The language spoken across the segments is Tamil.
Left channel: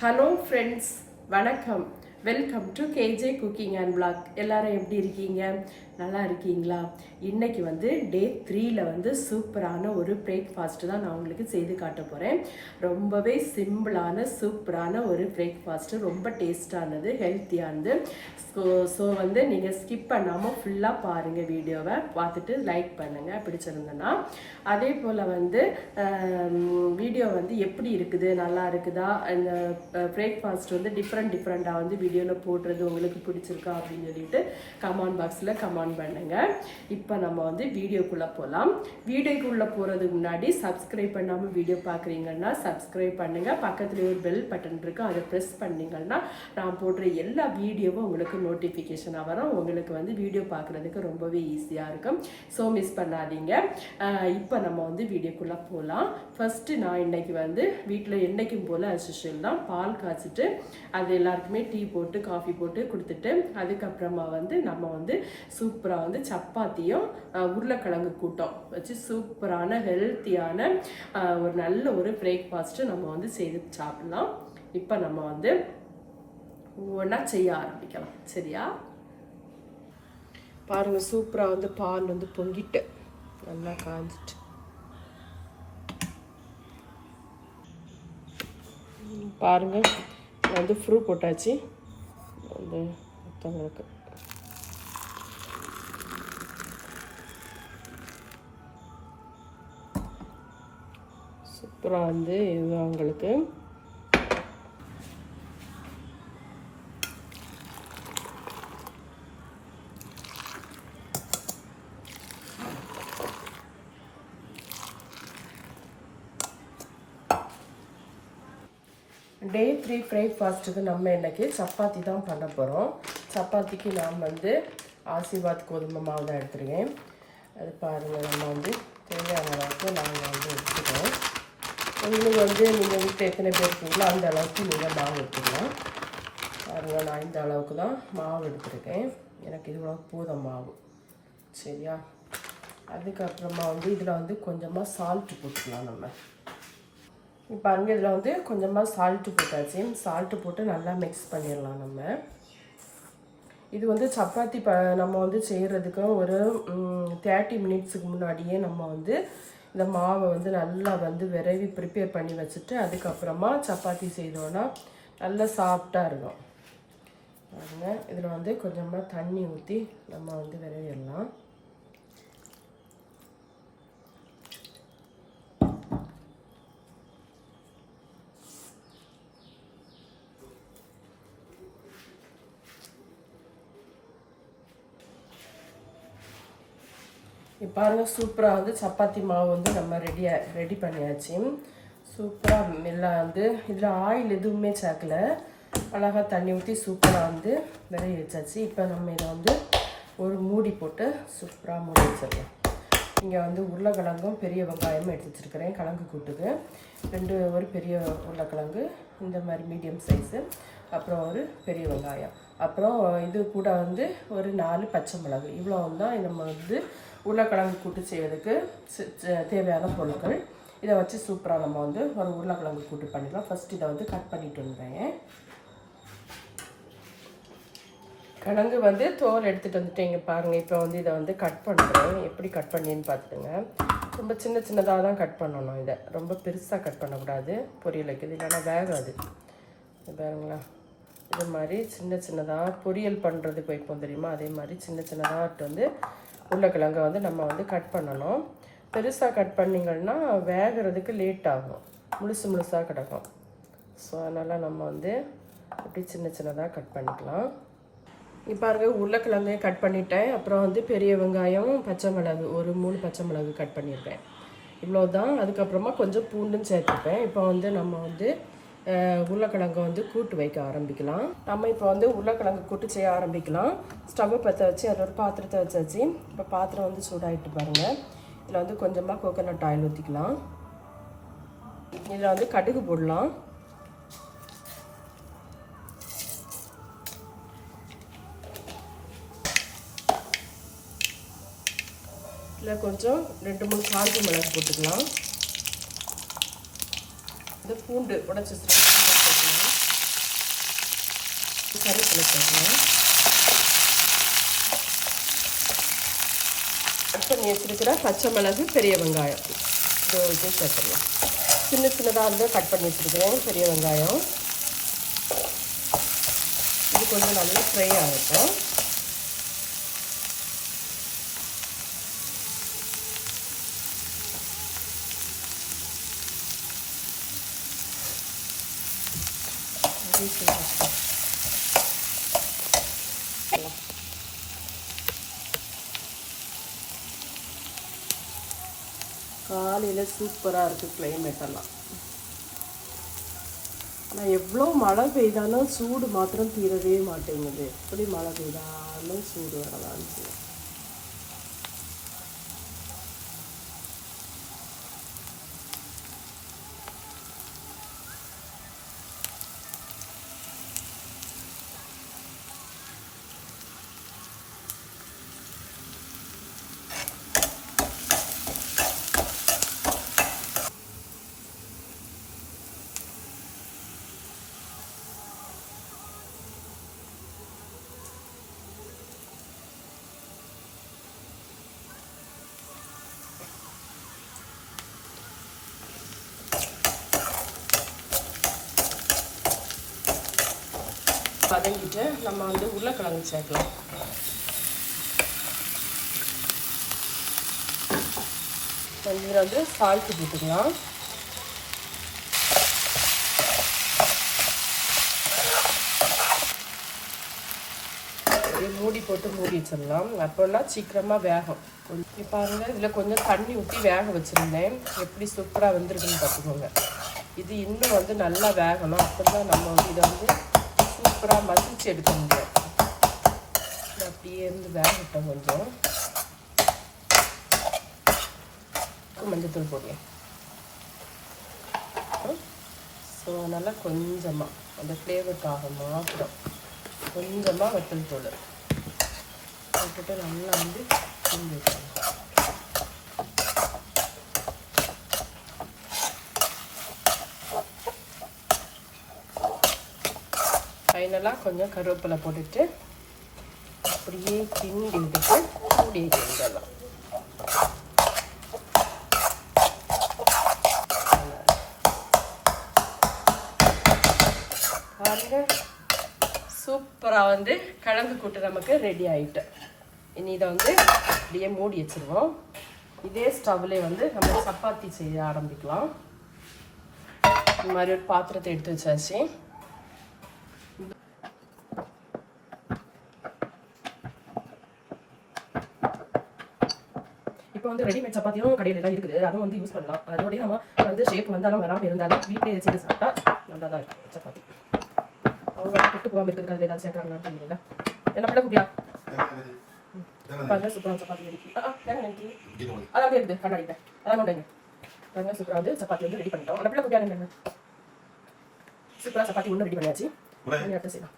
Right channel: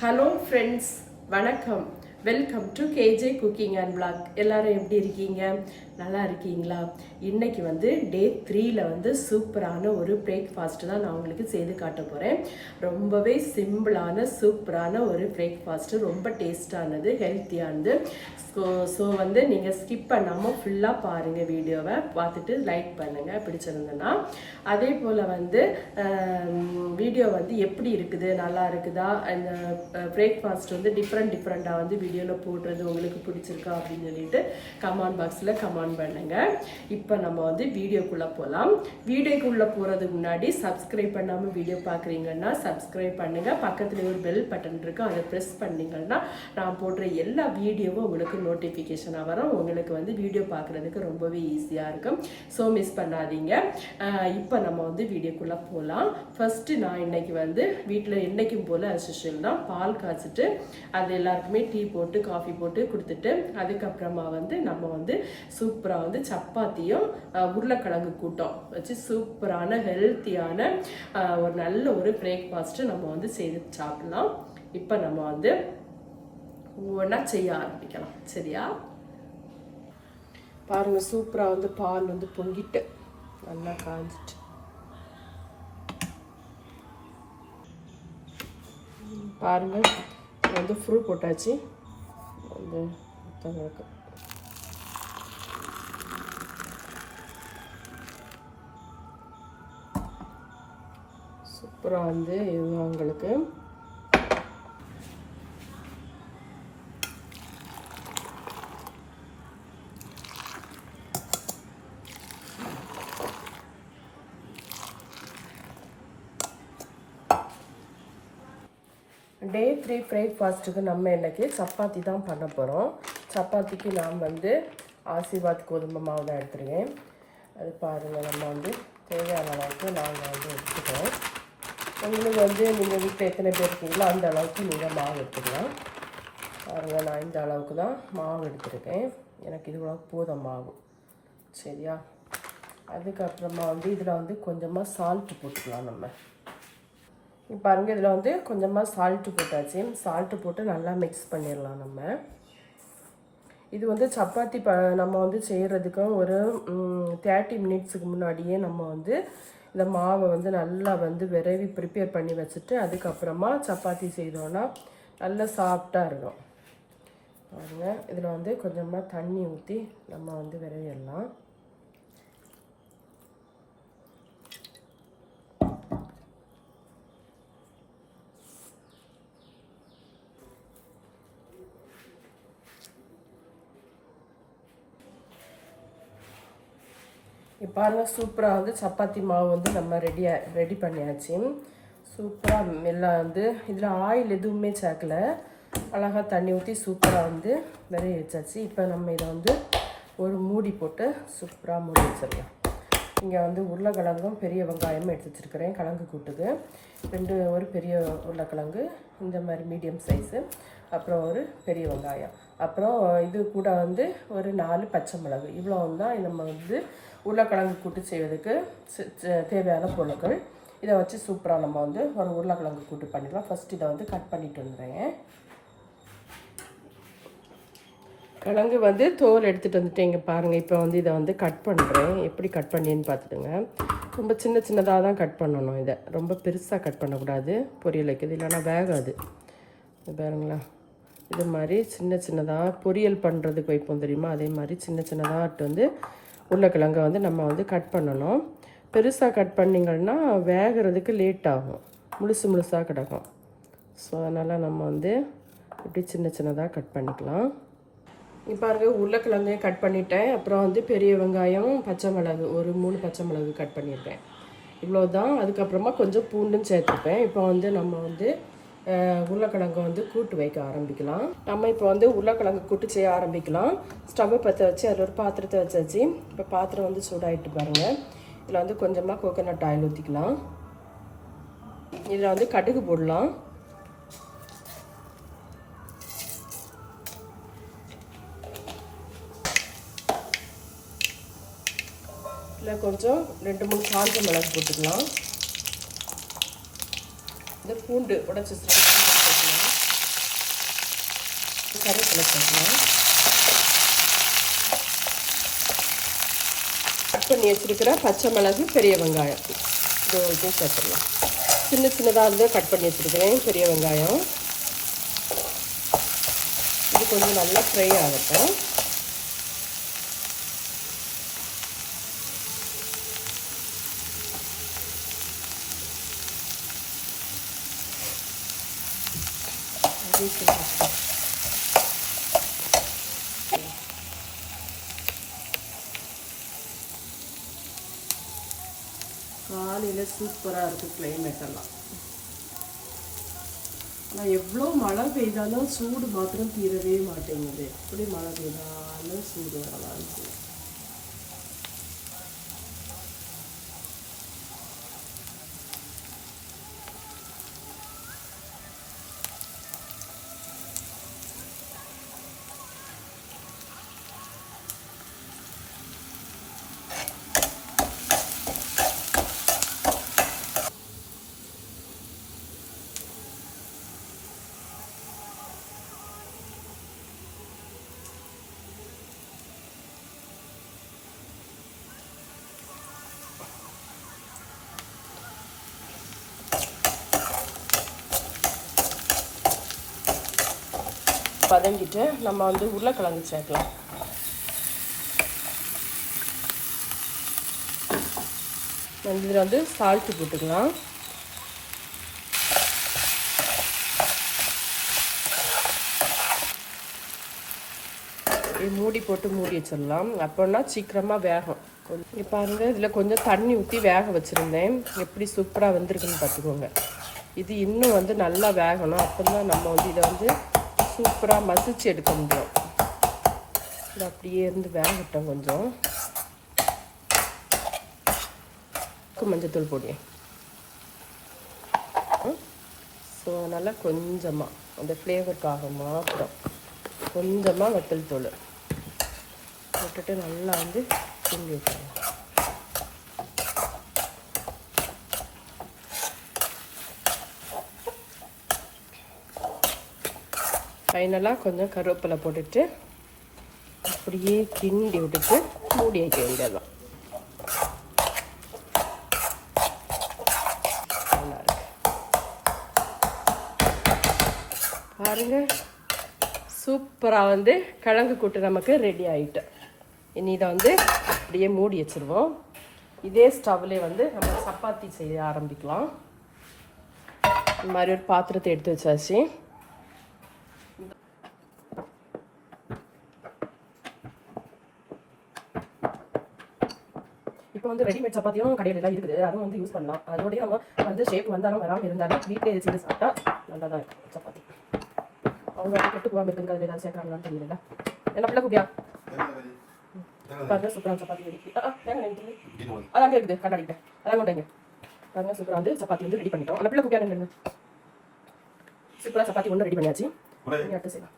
ஹலோ ஃப்ரெண்ட்ஸ் வணக்கம். Welcome to KJ cooking and blog எல்லாரும் எப்படி இருக்கீங்க? நல்லா இருக்கீங்களா? இன்னைக்கு வந்து டே த்ரீல வந்து சூப்பரான ஒரு பிரேக்ஃபாஸ்ட் தான் நான் உங்களுக்கு செய்து காட்ட போகிறேன் ரொம்பவே சிம்பிளான சூப்பரான ஒரு பிரேக்ஃபாஸ்ட்டு ரொம்ப டேஸ்டானது ஹெல்த்தியானது ஸோ ஸோ வந்து நீங்கள் ஸ்கிப் பண்ணாமல் ஃபுல்லாக பாருங்கள் வீடியோவை. பார்த்துட்டு லைக் பண்ணுங்கள் பிடிச்சிருந்தேன்னா அதே போல் வந்து வீடியோ வந்து எப்படி இருக்குது? நல்லா இருக்குதா? இந்த பிரேக்ஃபாஸ்ட் வந்து டிஃப்ரெண்ட் டிஃப்ரெண்ட்டாக வந்து வீடியோ வீடியோவில் போடுறது உங்களுக்கு பிடிச்சிருக்கா அப்படின்னு சொல்லிட்டு கமெண்ட் பாக்ஸில் கமெண்ட் பண்ணுங்கள் இப்போ நம்ம வந்து வீடியோக்குள்ளே போகலாம் வீடியோக்குள்ளே போகிறதுக்கு முன்னாடி சப்ஸ்கிரைப் பண்ணாமல் வீடியோ பார்க்குறீங்கன்னா சப்ஸ்கிரைப் பண்ணுங்கள் பக்கத்துலேயே ஒரு பெல் பட்டன் இருக்கும் அதை ப்ரெஸ் பண்ணிங்கன்னா நான் போடுற எல்லா வீடியோவும் உங்களுக்கு நோட்டிஃபிகேஷனாக வரும். உங்களுக்கு வந்து வீடியோ பார்க்குறதுக்கு ரொம்பவே ஈஸியாக இருக்கும். ஸோ மிஸ் பண்ணாதீங்க. இப்போ நம்ம வந்து வீடியோக்குள்ளே போகலாம் ஃபஸ்ட்டு நான் இன்னைக்கு வந்து வீட்டில் என்னைக்கும் போல் அசிஷியல் தான். பால் காய்ச்சிட்டு அது எல்லாருக்குமே டீ போட்டு போட்டு காஃபி போட்டு கொடுத்துட்டு அதுக்கப்புறமா வந்து நம்ம வந்து சூப்பராக வந்து சப்பாத்தியும் உருளைக்கிழங்கு கூட்டம் வச்சு சூப்பரான ஹெல்த்தியான ஒரு நல்ல ஒரு பிரேக்ஃபாஸ்ட்டு நம்ம வந்து செய்து சாப்பிடலாம். இப்போ நம்ம வந்து ஒவ்வொன்றா செய்ய ஆரம்பிக்கலாம். சரியா? பாருங்க சூப்பராக வந்து பால் வந்து பொங்கிட்டு நல்லா காஞ்சிட்டு. பாருங்கள் பாருங்க வந்து ஃப்ரூ போட்டாச்சு. வந்து மற்றவங்களுக்கு சூப்பராக வந்து இது அவங்களுக்கு. டே த்ரீ பிரேக்ஃபாஸ்ட்டுக்கு நம்ம இன்றைக்கி சப்பாத்தி தான் பண்ண போகிறோம் சப்பாத்திக்கு நான் வந்து ஆசிர்வாத் கோதுமை மாவு தான் எடுத்துருக்கேன் அது பாருங்கள் நம்ம வந்து தேவையான அளவுக்கு நாங்கள் வந்து எடுத்துக்கிறோம் உங்களுக்கு வந்து நீங்கள் வீட்டில் எத்தனை பேர் இருக்கீங்களோ அந்த அளவுக்கு நீங்கள் மாவு எடுத்துக்கலாம். பாருங்கள் நான் இந்த அளவுக்கு தான் மாவு எடுத்துருக்கேன். எனக்கு இது போதும் மாவு. சரியா? அதுக்கப்புறமா வந்து இதில் வந்து கொஞ்சமாக சால்ட்டு போட்டுக்கலாம் நம்ம. இப்போ பாருங்க இதில் வந்து கொஞ்சமாக சால்ட்டு போட்டாச்சு. சால்ட்டு போட்டு நல்லா மிக்ஸ் பண்ணிடலாம் நம்ம. இது வந்து சப்பாத்தி ப நம்ம வந்து செய்கிறதுக்கு ஒரு தேர்ட்டி மினிட்ஸுக்கு முன்னாடியே நம்ம வந்து இந்த மாவை வந்து நல்லா வந்து விரைவி ப்ரிப்பேர் பண்ணி வச்சுட்டு அதுக்கப்புறமா சப்பாத்தி செய்தோன்னா நல்லா சாஃப்டாக இருக்கும். பாருங்கள் இதில் வந்து கொஞ்சமாக தண்ணி ஊற்றி நம்ம வந்து விரைவிடலாம். இப்போ பாருங்க சூப்பராக வந்து சப்பாத்தி மாவு வந்து நம்ம ரெடியாக ரெடி பண்ணியாச்சு. சூப்பராக எல்லாம் வந்து இதில் ஆயில் எதுவுமே சேர்க்கல. அழகாக தண்ணி ஊற்றி சூப்பராக வந்து வெளிய வச்சாச்சு. இப்போ நம்ம இதை வந்து ஒரு மூடி போட்டு சூப்பராக மூடி வச்சிடலாம். இங்கே வந்து உருளைக்கிழங்கும் பெரிய வெங்காயமும் எடுத்து வச்சுருக்கிறேன் கிழங்கு கூட்டுக்கு. ரெண்டு ஒரு பெரிய உருளைக்கிழங்கு இந்த மாதிரி மீடியம் சைஸு அப்புறம் ஒரு பெரிய வெங்காயம். அப்புறம் இது கூட வந்து ஒரு நாலு பச்சை மிளகு. இவ்வளோ தான் நம்ம வந்து உருளைக்கிழங்கு கூட்டு செய்வதற்கு தேவையான பொருட்கள். இதை வச்சு சூப்பராக நம்ம வந்து ஒரு உருளைக்கிழங்கு கூட்டு பண்ணிடலாம் ஃபஸ்ட் இதை வந்து கட் பண்ணிட்டு வந்துடுறேன். கிழங்கு வந்து தோல் எடுத்துகிட்டு வந்துட்டேங்க பாருங்கள் இப்போ வந்து இதை வந்து கட் பண்ணுறேன் எப்படி கட் பண்ணின்னு பார்த்துடுங்க. ரொம்ப சின்ன சின்னதாக தான் கட் பண்ணணும் இதை. ரொம்ப பெருசாக கட் பண்ணக்கூடாது. பொரியல் வைக்கிறது இல்லைன்னா வேகாது. பாருங்களா இது மாதிரி சின்ன சின்னதாக பொரியல் பண்ணுறதுக்கு வைப்போம் தெரியுமா? அதே மாதிரி சின்ன சின்னதாக வந்து உருளைக்கிழங்கை வந்து நம்ம வந்து கட் பண்ணணும். பெருசாக கட் பண்ணிங்கன்னா வேகிறதுக்கு லேட் ஆகும். முழுசு முழுசாக கிடக்கும். ஸோ அதனால் நம்ம வந்து இப்படி சின்ன சின்னதாக கட் பண்ணிக்கலாம். இப்போ பாருங்க உருளைக்கிழங்கையும் கட் பண்ணிட்டேன். அப்புறம் வந்து பெரிய வெங்காயம் பச்சை மிளகு ஒரு மூணு பச்சை மிளகு கட் பண்ணியிருக்கேன். இவ்வளோ தான் அதுக்கப்புறமா கொஞ்சம் பூண்டும் சேர்த்துப்பேன். இப்போ வந்து நம்ம வந்து உருளைக்கிழங்கு வந்து கூட்டு வைக்க ஆரம்பிக்கலாம். நம்ம இப்போ வந்து உருளைக்கிழங்கு கூட்டு செய்ய ஆரம்பிக்கலாம். ஸ்டவ்வை பற்ற வச்சு அதில் ஒரு பாத்திரத்தை வச்சாச்சு இப்போ பாத்திரம் வந்து சூடாகிட்டு பாருங்கள் இதில் வந்து கொஞ்சமாக கோகோனட் ஆயில் ஊற்றிக்கலாம் இதில் வந்து கடுகு போடலாம். இதில் கொஞ்சம் ரெண்டு மூணு காஞ்ச மிளகு போட்டுக்கலாம். பூண்டு உடச்சி வச்சிருக்க கருவேப்பிலை சேர்க்கலாம் கட் பண்ணி வச்சிருக்கிற பச்சை மிளகு பெரிய வெங்காயம். இது சேர்த்துடலாம் சின்ன சின்னதாக வந்து கட் பண்ணி வச்சுருக்கிறேன் பெரிய வெங்காயம். இது கொஞ்சம் நல்லா ஃப்ரை ஆகட்டும். அப்படியே காலையில் சூப்பராக இருக்குது கிளைமேட்டெல்லாம் ஆனால் எவ்வளோ மழை பெய்தாலும் சூடு மாத்திரம் தீரவே மாட்டேங்குது. எப்படி மழை பெய்தாலும் சூடு வரலாம் வதங்கிட்டு நம்ம வந்து உருளைக்கிழங்கு சேர்க்கலாம். இதில் வந்து சால்ட்டு போட்டுக்கலாம். மூடி போட்டு மூடி வச்சிடலாம். அப்போன்னா சீக்கிரமாக வேகும். இப்போ வந்து இதில் கொஞ்சம் தண்ணி ஊற்றி வேக வச்சுருந்தேன். எப்படி சூப்பராக வந்துருக்குன்னு பார்த்துக்கோங்க. இது இன்னும் வந்து நல்லா வேகணும். அப்போ தான் நம்ம வந்து இதை வந்து சூப்பராக மசிச்சு எடுக்க முடியும் அப்படியே இருந்து வேகட்டும் கொஞ்சம். மஞ்சத்தூள் போடுவேன் ஸோ நல்லா கொஞ்சமாக அந்த ஃப்ளேவர் ஆகுமா அப்புறம் கொஞ்சமாக வத்தல் தூள். போட்டுட்டு நல்லா வந்து கிண்டி வச்சுருவோம் ஃபைனலாக கொஞ்சம் கருவேப்பிலை போட்டுட்டு அப்படியே கிண்டி விட்டுட்டு மூடி வைக்க வேண்டியதான் பாருங்க சூப்பராக வந்து கிழங்கு கூட்டு நமக்கு ரெடி ஆகிட்டு இனி இதை வந்து அப்படியே மூடி வச்சிருவோம் இதே ஸ்டவ்லேயே வந்து நம்ம சப்பாத்தி செய்ய ஆரம்பிக்கலாம். இந்த மாதிரி ஒரு பாத்திரத்தை எடுத்து வச்சாச்சு. இப்போ வந்து ரெடிமேட் சப்பாத்தியும் கடையில் தான் இருக்குது. அதுவும் வந்து யூஸ் பண்ணலாம். அதோடய நம்ம வந்து ஷேப் வந்தாலும் வராமல் இருந்தாலும் வீட்டிலே செஞ்சு சாப்பிட்டா நல்லா தான் இருக்கும் சப்பாத்தி. அவங்க கெட்டு போகாமல் இருக்கிறது ஏதாவது சேர்க்குறாங்களான்னு தெரியல. என்ன பிள்ளை குட்டியா? பாருங்க சூப்பரான சப்பாத்தி அது அப்படியே இருக்குது. கண்ணாடிக்கிட்ட அதான் கொண்டுங்க பாருங்க சூப்பராக வந்து சப்பாத்தி வந்து ரெடி பண்ணிட்டோம். அந்த பிள்ளை குட்டியா சூப்பராக சப்பாத்தி ஒன்று ரெடி பண்ணியாச்சு. அடுத்து செய்யலாம்.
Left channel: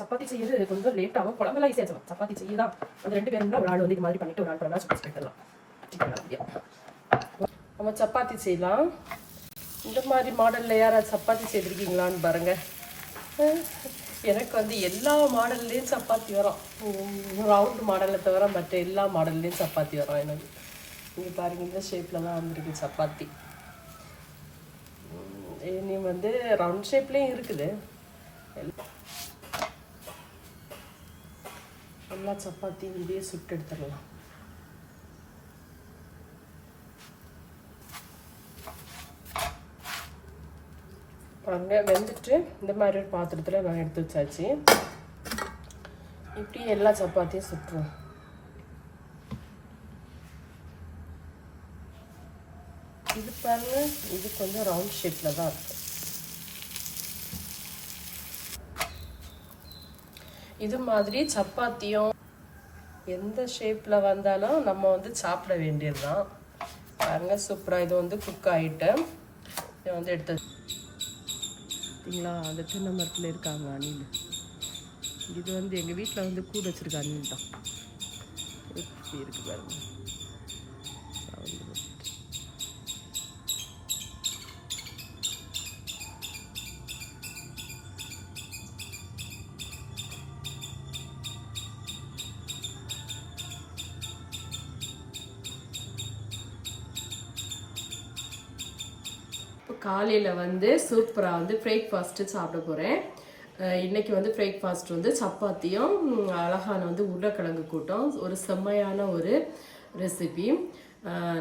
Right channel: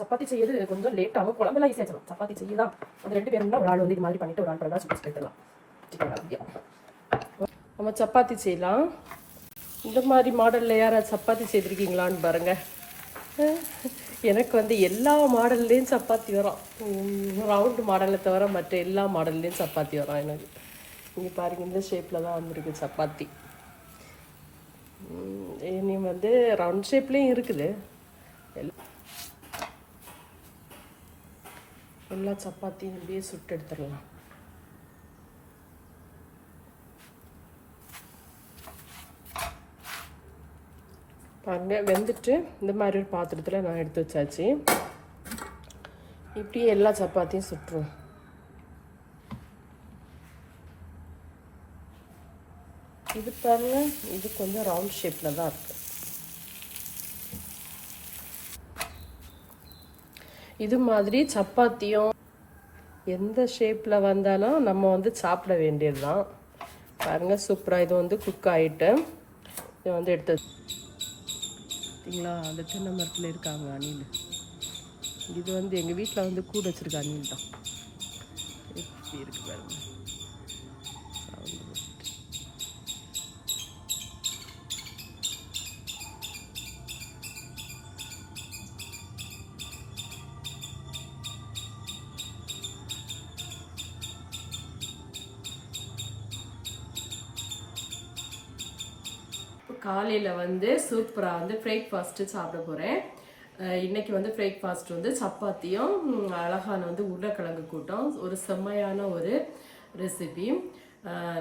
சப்பாத்தி செய்யறது கொஞ்சம் லேட் ஆகும். குழம்பெல்லாம் ஈஸியாக செய்யலாம் சப்பாத்தி செய்ய தான் அந்த ரெண்டு பேரும் தான் ஒரு ஆள் வந்து இது மாதிரி பண்ணிட்டு ஒரு ஆள் பண்ணலாம் சுற்றி போயிடலாம் நம்ம சப்பாத்தி செய்யலாம். இந்த மாதிரி மாடலில் யார் சப்பாத்தி செய்திருக்கீங்களான்னு பாருங்க. எனக்கு வந்து எல்லா மாடல்லையும் சப்பாத்தி வரும். ரவுண்ட் மாடலை தவிர மற்ற எல்லா மாடல்லையும் சப்பாத்தி வரும் எனக்கு. நீங்கள் பாருங்கள் இந்த ஷேப்பில் தான் வந்திருக்கு சப்பாத்தி. உம், இனி வந்து ரவுண்ட் ஷேப்லேயும் இருக்குது. எல்லா சப்பாத்தியும் இப்படியே சுட்டு எடுத்துடலாம். பாருங்க வெந்துட்டு இந்த மாதிரி ஒரு பாத்திரத்தில் நான் எடுத்து வச்சாச்சு. இப்படியே எல்லா சப்பாத்தியும் சுட்டுருவோம். இது பாருங்க இது கொஞ்சம் ரவுண்ட் ஷேப்பில் தான் இருக்கு. இது மாதிரி சப்பாத்தியும் எந்த ஷேப்பில் வந்தாலும் நம்ம வந்து சாப்பிட வேண்டியது தான் பாருங்க சூப்பராக இது வந்து குக் ஆகிட்டு இதை வந்து எடுத்து பார்த்தீங்களா அந்த தென்னை மரத்தில் இருக்காங்க அணில். இது வந்து எங்கள் வீட்டில் வந்து கூட வச்சுருக்க அணில் தான். எப்படி இருக்குது பாருங்கள் காலையில் வந்து சூப்பராக வந்து பிரேக்ஃபாஸ்ட்டு சாப்பிட போகிறேன் இன்றைக்கி வந்து பிரேக்ஃபாஸ்ட் வந்து சப்பாத்தியும் அழகான வந்து உருளைக்கிழங்கு கூட்டம். ஒரு செம்மையான ஒரு ரெசிபி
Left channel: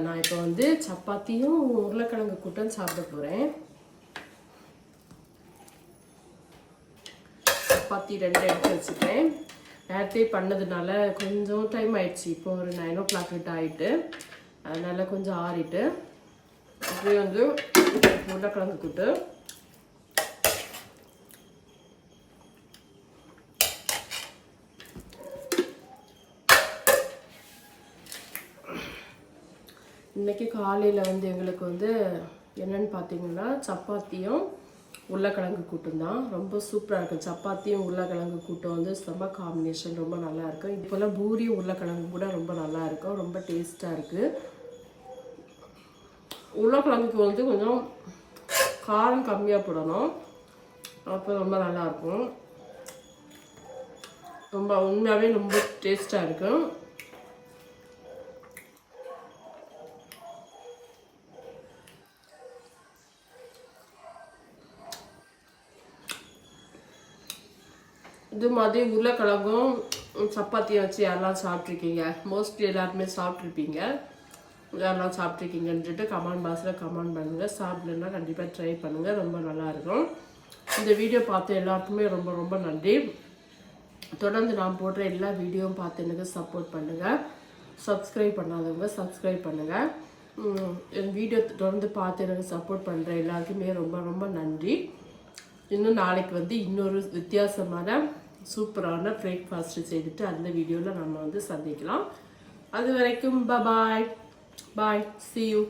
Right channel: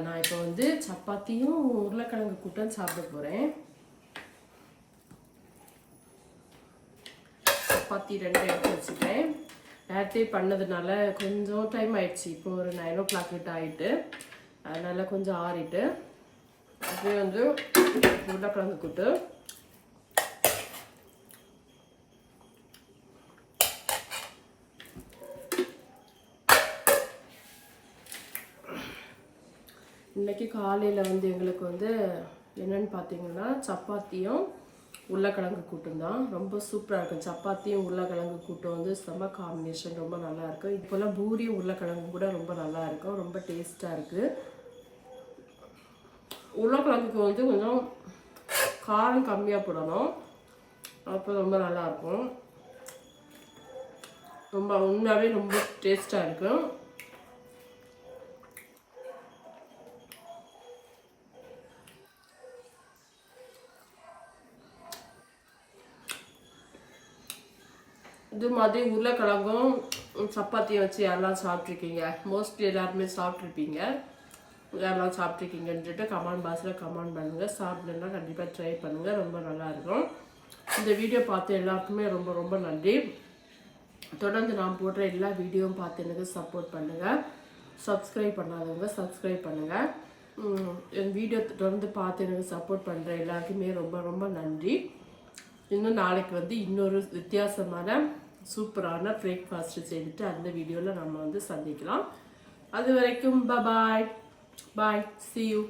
நான் இப்போ வந்து சப்பாத்தியும் உருளைக்கிழங்கு கூட்டம் சாப்பிட போகிறேன் சப்பாத்தி ரெண்டு எடுத்து வச்சுட்டேன். நேரத்தே பண்ணதுனால கொஞ்சம் டைம் ஆயிடுச்சு. இப்போ ஒரு நைன் ஓ கிளாக் கிட்ட ஆகிட்டு அதனால் கொஞ்சம் ஆறிட்டு அப்படியே வந்து உருளைக்கிழங்கு கூட்டு இன்னைக்கு காலையில் வந்து எங்களுக்கு வந்து என்னென்னு பார்த்தீங்கன்னா சப்பாத்தியும் உருளைக்கிழங்கு கூட்டும் தான். ரொம்ப சூப்பராக இருக்கும். சப்பாத்தியும் உருளைக்கிழங்கு கூட்டம் வந்து செம்ம காம்பினேஷன் ரொம்ப நல்லாயிருக்கும் இப்போல்லாம் இது போல் பூரி உருளைக்கிழங்கு கூட ரொம்ப நல்லாயிருக்கும் ரொம்ப டேஸ்ட்டாக இருக்குது உருளைக்கிழங்குக்கு வந்து கொஞ்சம் காரம் கம்மியாக போடணும் அப்போ ரொம்ப நல்லா இருக்கும் ரொம்ப உண்மையாகவே ரொம்ப டேஸ்ட்டாக இருக்கும் இது மாதிரி உருளைக்கிழங்கும் சப்பாத்தியும் வச்சு யாரெல்லாம் சாப்பிட்ருக்கீங்க? மோஸ்ட்லி எல்லாருமே சாப்பிட்ருப்பீங்க. யாரெல்லாம் சாப்பிட்ருக்கீங்கன்ட்டு கமெண்ட் பாக்ஸில் கமெண்ட் பண்ணுங்கள் சாப்பிடலன்னா கண்டிப்பாக ட்ரை பண்ணுங்கள் ரொம்ப நல்லாயிருக்கும் இந்த வீடியோ பார்த்த எல்லாருக்குமே ரொம்ப ரொம்ப நன்றி. தொடர்ந்து நான் போடுற எல்லா வீடியோவும் பார்த்து எனக்கு சப்போர்ட் பண்ணுங்கள் சப்ஸ்கிரைப் பண்ணாதவங்க சப்ஸ்கிரைப் பண்ணுங்கள் என் வீடியோ தொடர்ந்து பார்த்து எனக்கு சப்போர்ட் பண்ணுற எல்லாருக்குமே ரொம்ப ரொம்ப நன்றி. இன்னும் நாளைக்கு வந்து இன்னொரு வித்தியாசமான சூப்பரான பிரேக்ஃபாஸ்ட்டு செய்துட்டு அந்த வீடியோவில் நம்ம வந்து சந்திக்கலாம். அது வரைக்கும் பாய் பாய் see you